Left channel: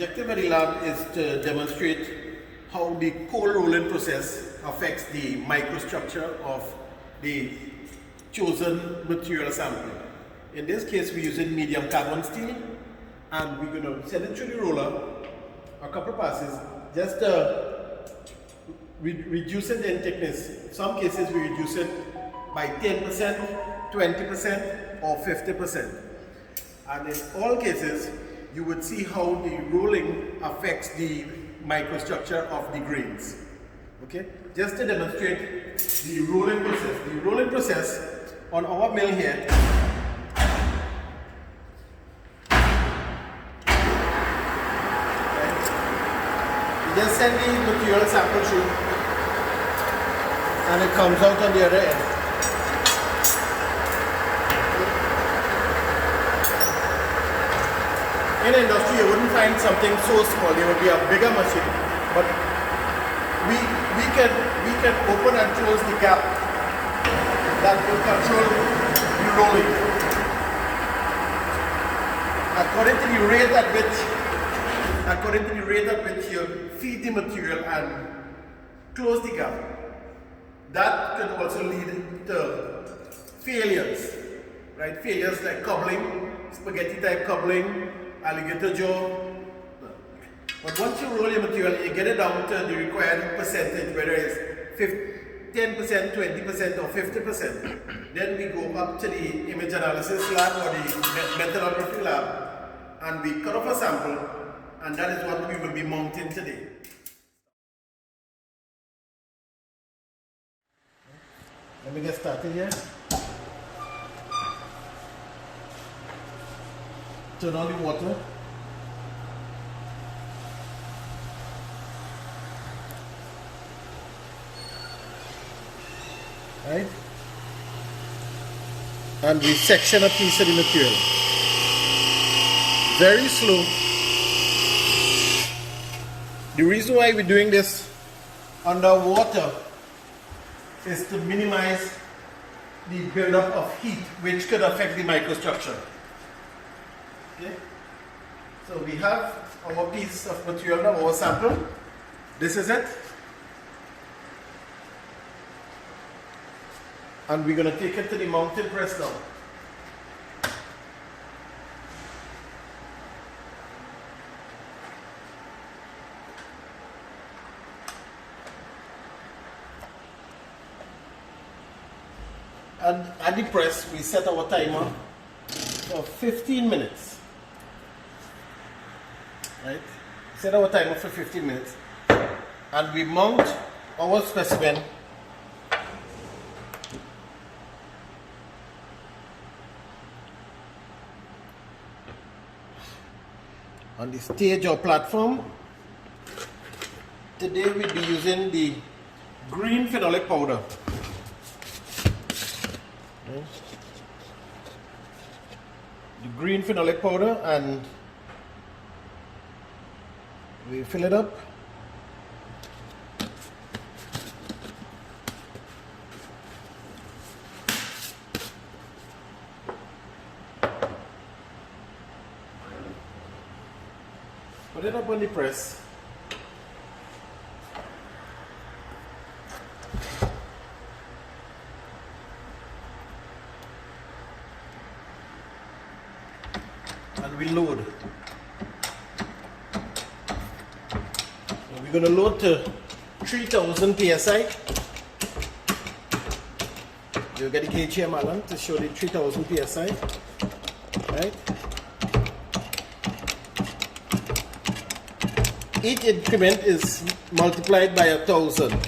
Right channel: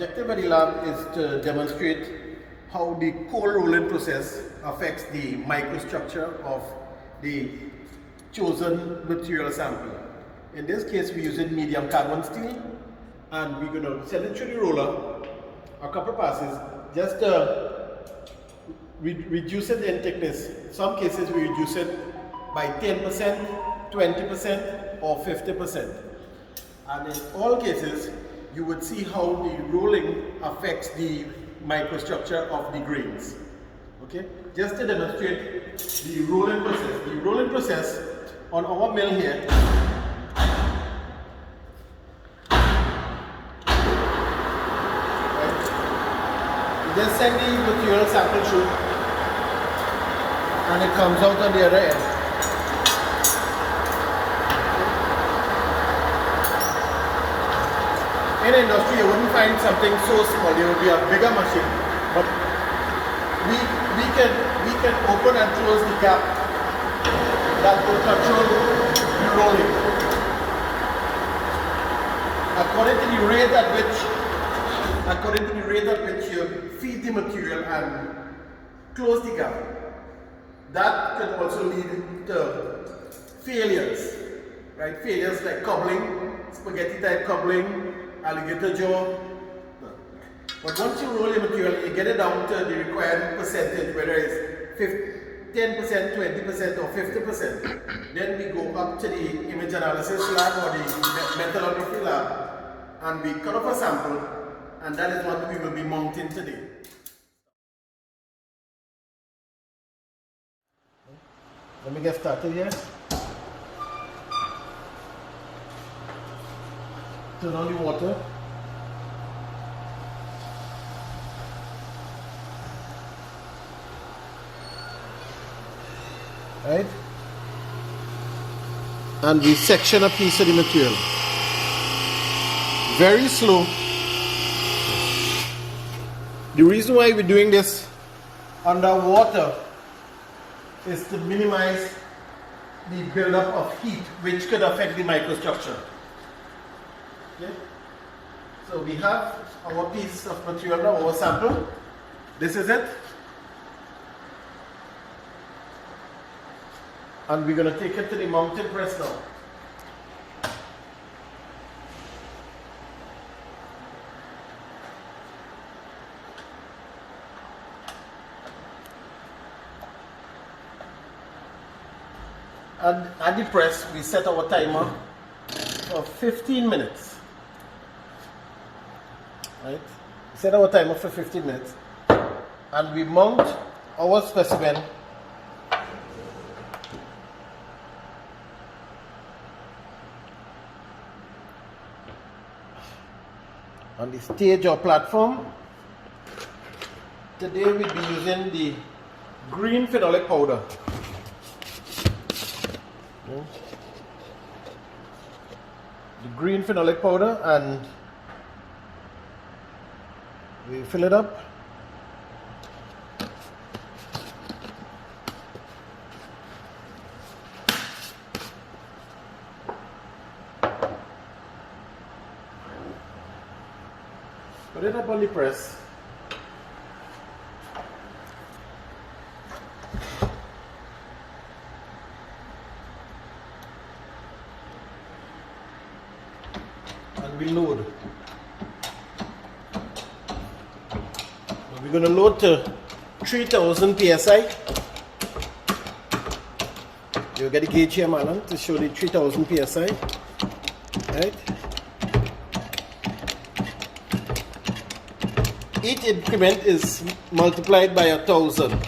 objective of the lab is to demonstrate how the cold rolling process affects the microstructure of the chosen material sample. In this case, we're using medium carbon steel, and we're going to send it through the roller a couple passes just to reduce it in thickness. In some cases, we reduce it by 10%, 20%, or 50%. And in all cases, you would see how the rolling affects the microstructure of the grains. Okay? Just to demonstrate the rolling process. The rolling process on our mill here, right? You just send the material sample through and it comes out on the other end. In industry, you wouldn't find something so small. There would be a bigger machine, but we can open and close the gap that will control the rolling according to the rate at which you feed the material and close the gap. That can also lead to failures, right? Failures like cobbling, spaghetti type cobbling, alligator jaw. But once you roll your material, you get it down to the required percentage, whether it's 10%, 20%, or 50%. Then we go up to the image analysis lab or the metallography lab, and we cut off a sample, and that is what we will be mounting today. Let me get started here. Turn on the water. Right? And we section a piece of the material. Very slow. The reason why we're doing this underwater is to minimize the buildup of heat, which could affect the microstructure. Okay? So we have our piece of material now, our sample. This is it. And we're going to take it to the mounting press now. And at the press, we set our timer for 15 minutes. Right? We set our timer for 15 minutes. And we mount our specimen on the stage or platform. Today we'll be using the green phenolic powder. Okay. The green phenolic powder, and we fill it up. Put it up on the press. And we load. We're going to load to 3000 psi. You'll get the gauge here, Marlon, to show the 3000 psi. Right? Each increment is multiplied by 1000.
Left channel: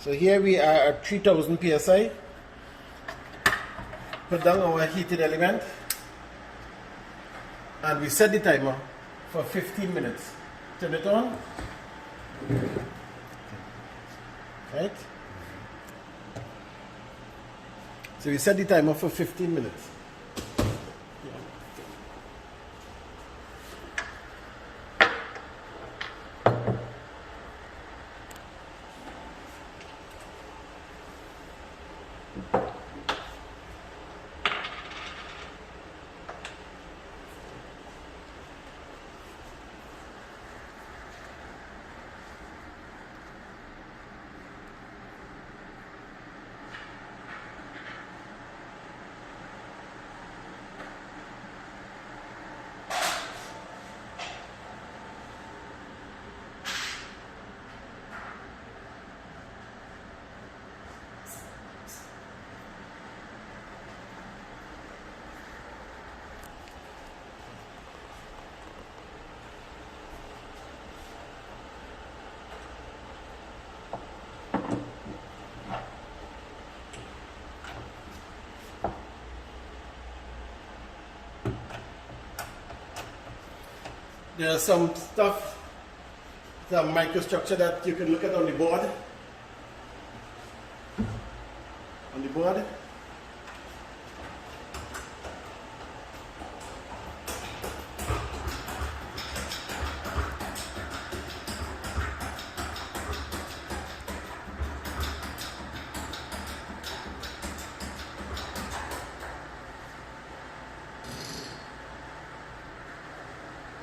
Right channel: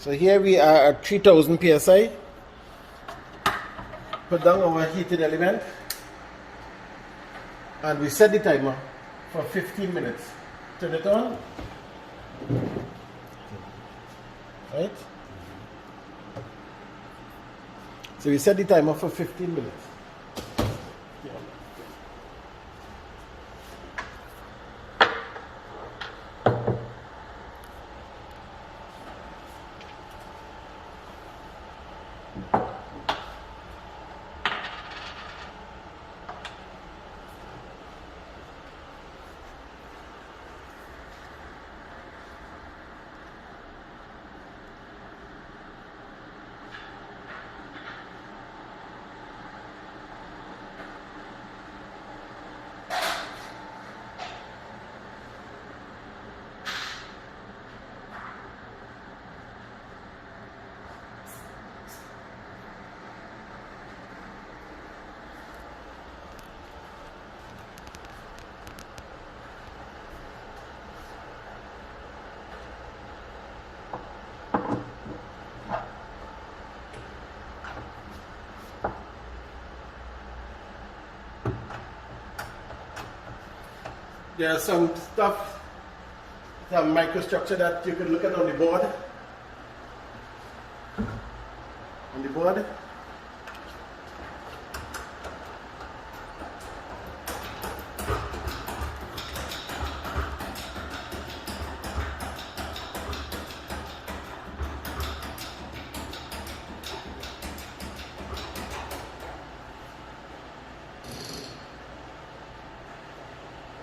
So here we are at 3000 psi. Put down our heated element, and we set the timer for 15 minutes. Turn it on. Right? So we set the timer for 15 minutes. there are some stuff, some microstructure that you can look at on the board. On the board.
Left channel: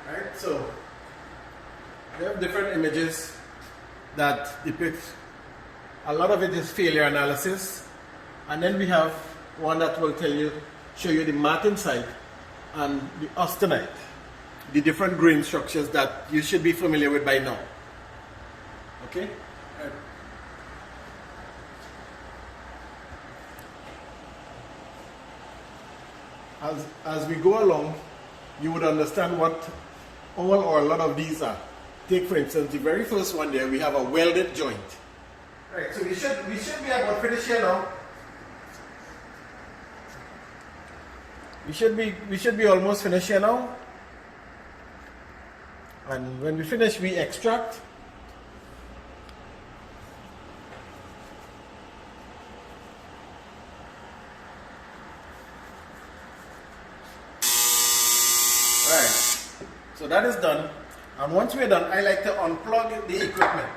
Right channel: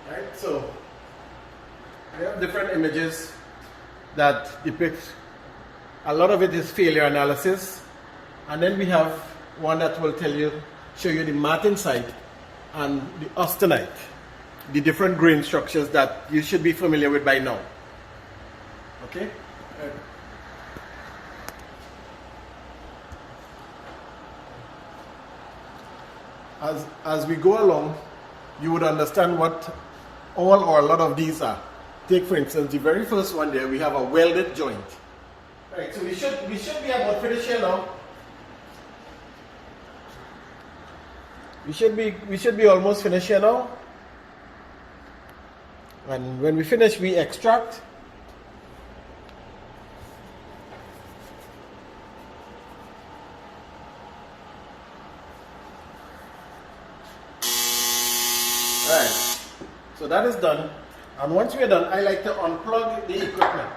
Right, so we have different images that depict, a lot of it is failure analysis, and then we have one that will show you the martensite and the austenite, the different grain structures that you should be familiar with by now. Okay? As we go along, you would understand what all or a lot of these are. Take for instance the very first one there, we have a welded joint. Right, so we should be about finished here now. We should be almost finished here now. And when we finish, we extract. Right, so that is done. And once we're done, I like to unplug the equipment.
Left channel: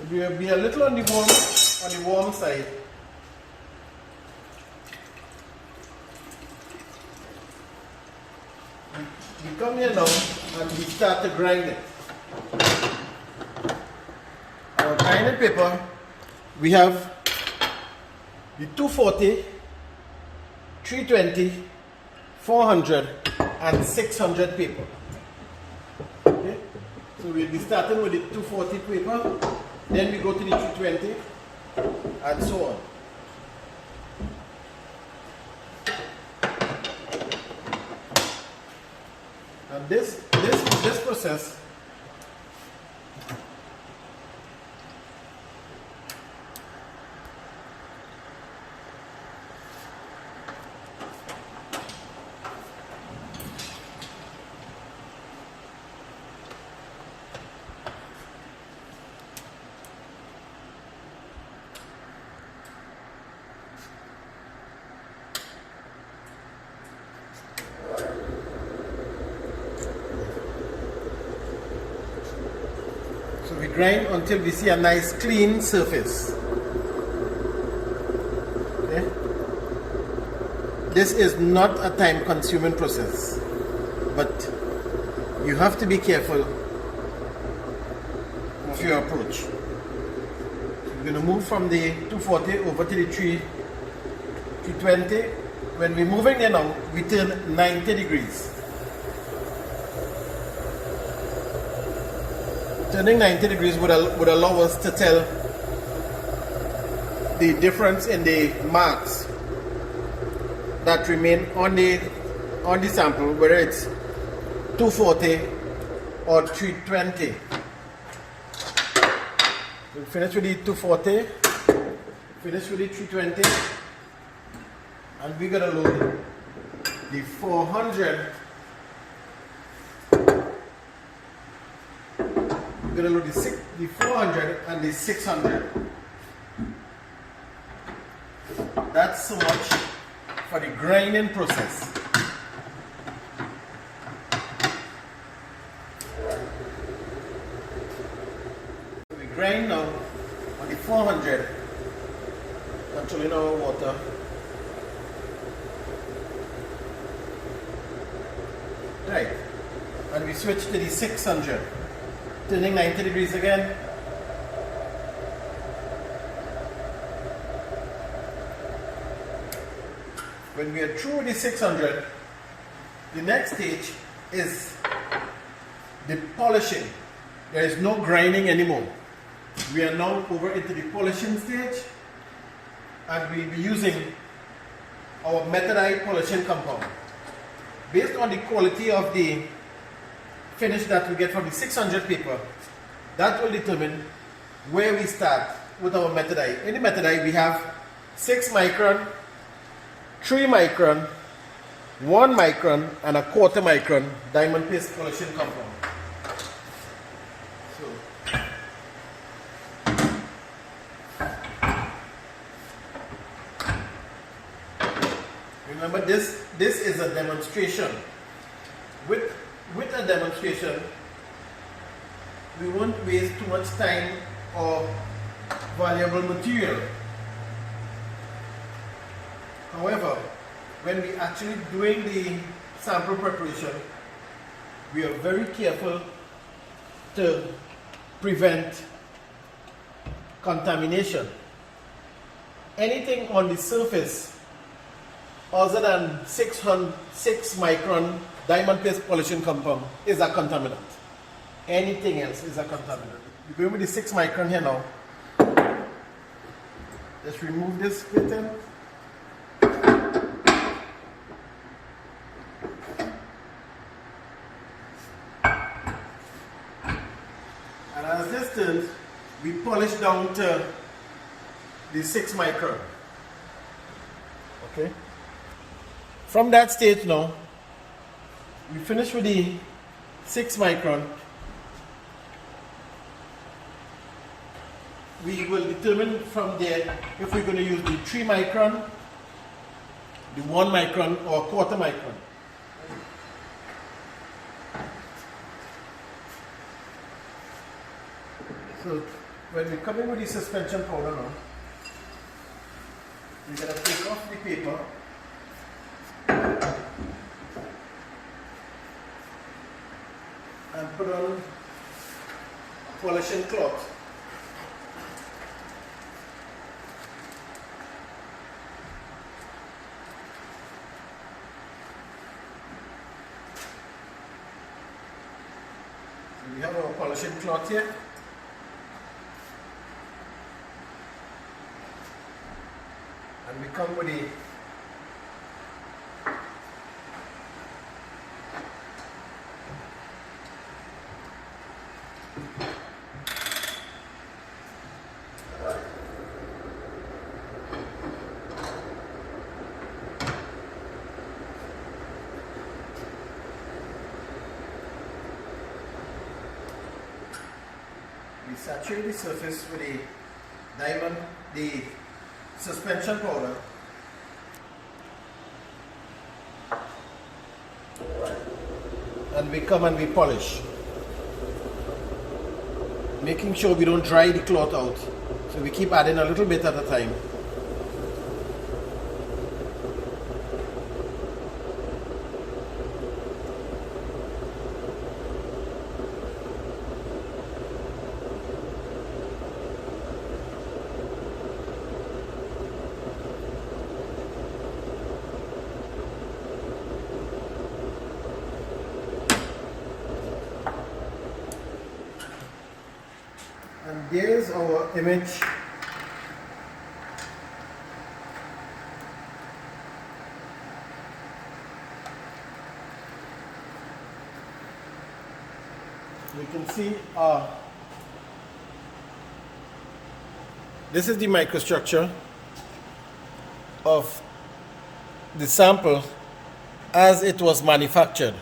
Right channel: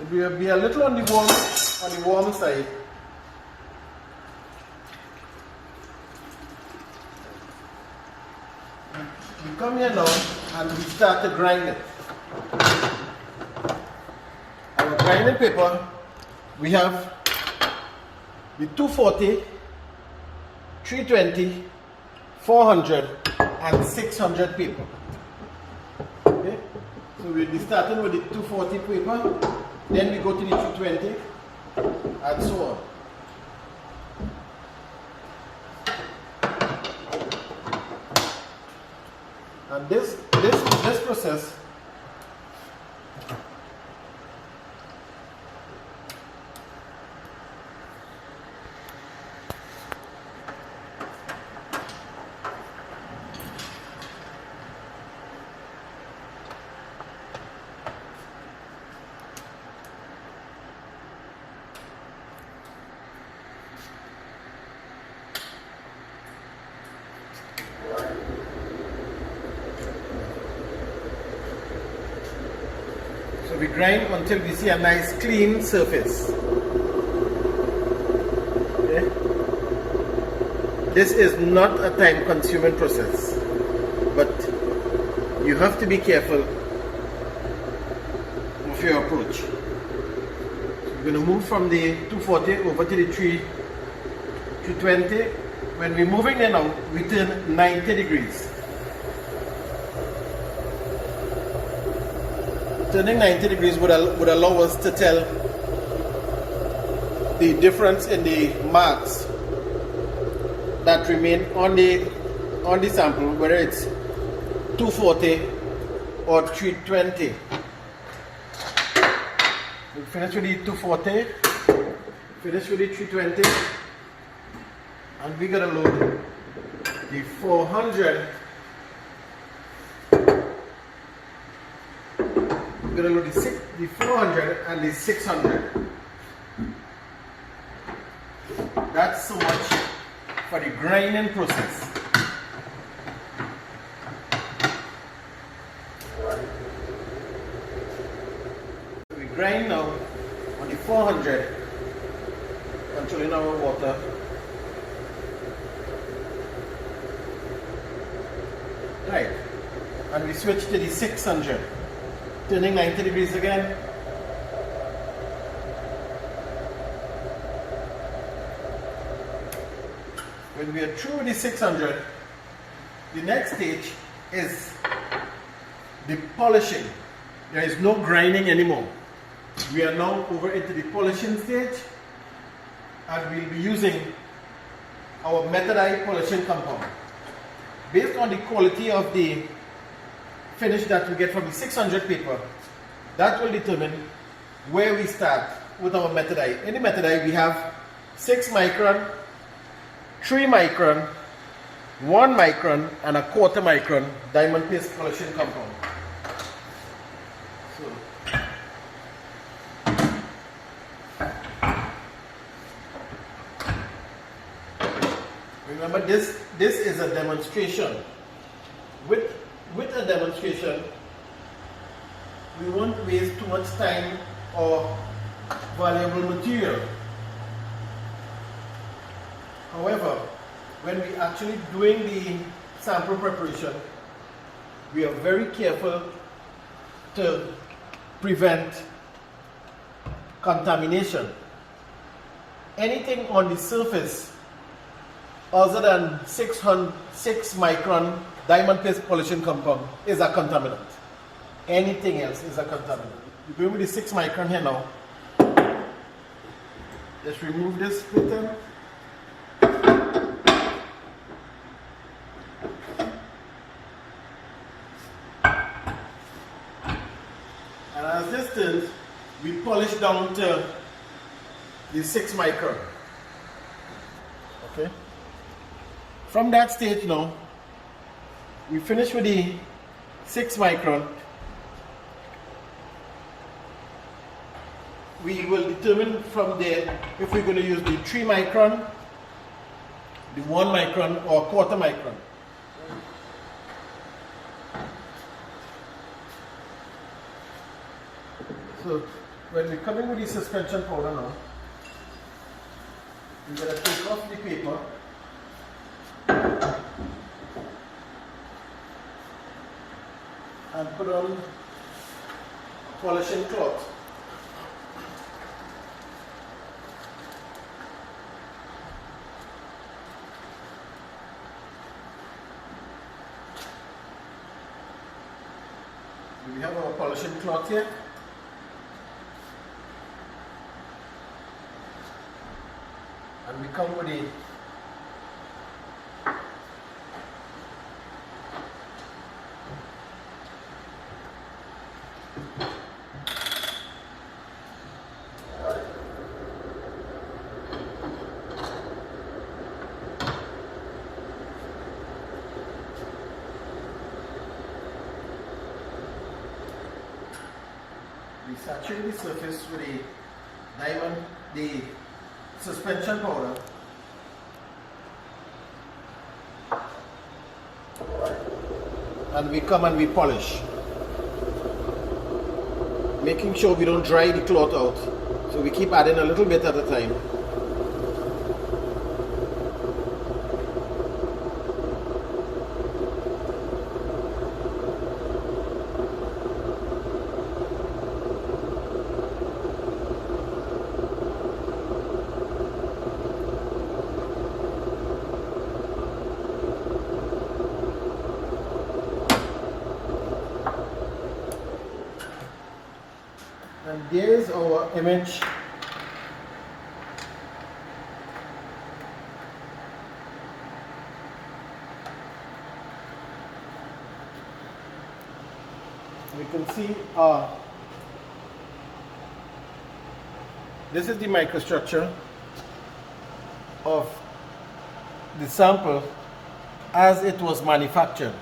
It will be a little on the warm side. We come here now and we start to grind it. Our grinding paper, we have the 240, 320, 400 and 600 paper. Okay? So we'll be starting with the 240 paper, then we go to the 220 and so on. And this process we grind until we see a nice clean surface. Okay? This is not a time consuming process, but you have to be careful of your approach. So we're going to move from the 240 over to the 320. When we're moving in now, we turn 90 degrees. Turning 90 degrees would allow us to tell the difference in the marks that remain on the sample, whether it's 240 or 320. We'll finish with the 240, finish with the 320, and we're going to load the 400. We're going to load the 400 and the 600. That's so much for the grinding process. We grind now on the 400, controlling our water. Right, and we switch to the 600. Turning 90 degrees again. When we are through the 600, the next stage is the polishing. There is no grinding anymore. We are now over into the polishing stage, and we'll be using our metallurgic polishing compound. Based on the quality of the finish that we get from the 600 paper, that will determine where we start with our metallurgic. In the metallurgic we have 6 micron, 3 micron, 1 micron, and a quarter micron diamond paste polishing compound. So, remember, this is a demonstration. With a demonstration, we won't waste too much time or valuable material. However, when we actually doing the sample preparation, we are very careful to prevent contamination. Anything on the surface other than 6 micron diamond paste polishing compound is a contaminant. Anything else is a contaminant. We're going with the 6 micron here now. Let's remove this pattern. And as this turns, we polish down to the 6 micron. Okay. From that stage now, we finish with the 6 micron. We will determine from there if we're going to use the 3 micron, the 1 micron, or quarter micron. So when we come in with the suspension powder now, we're going to take off the paper and put on a polishing cloth. We have our polishing cloth here. And we come with the we saturate the surface with the suspension powder. And we come and we polish, making sure we don't dry the cloth out. So we keep adding a little bit at a time. And there's our image. We can see this is the microstructure of the sample as it was manufactured.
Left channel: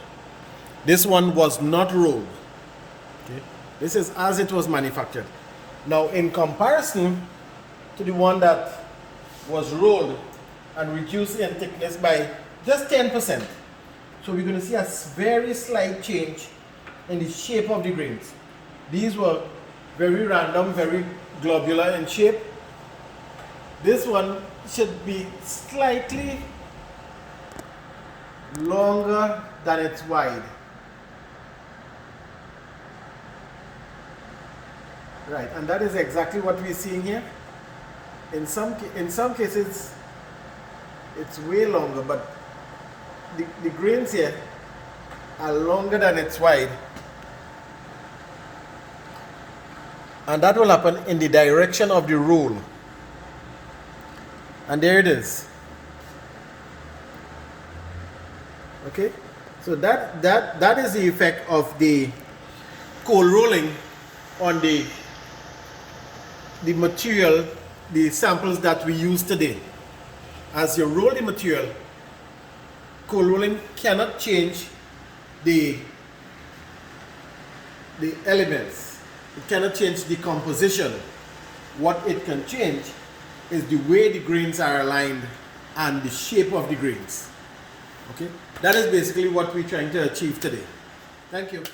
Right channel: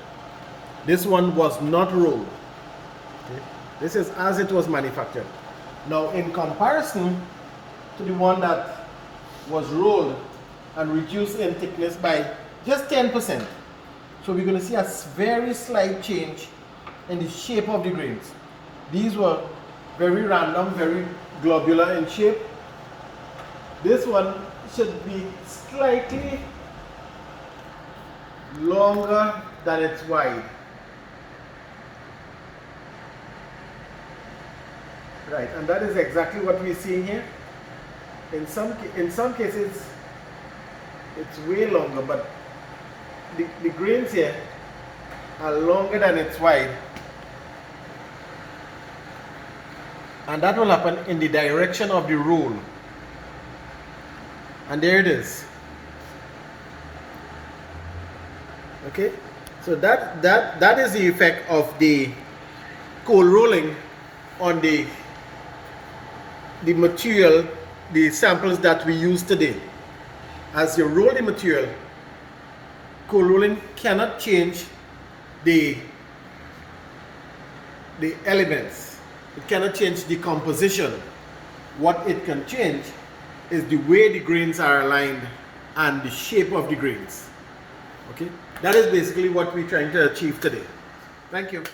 This one was not rolled. Okay. This is as it was manufactured. Now, in comparison to the one that was rolled and reduced in thickness by just 10%. So we're going to see a very slight change in the shape of the grains. These were very random, very globular in shape. This one should be slightly longer than it's wide. Right, and that is exactly what we're seeing here. In some cases, it's way longer, but the grains here are longer than it's wide. And that will happen in the direction of the roll. And there it is. Okay, so that is the effect of the cold rolling on the material, the samples that we use today. as you roll the material, cold rolling cannot change the elements. It cannot change the composition. What it can change is the way the grains are aligned and the shape of the grains. Okay, that is basically what we're trying to achieve today. Thank you.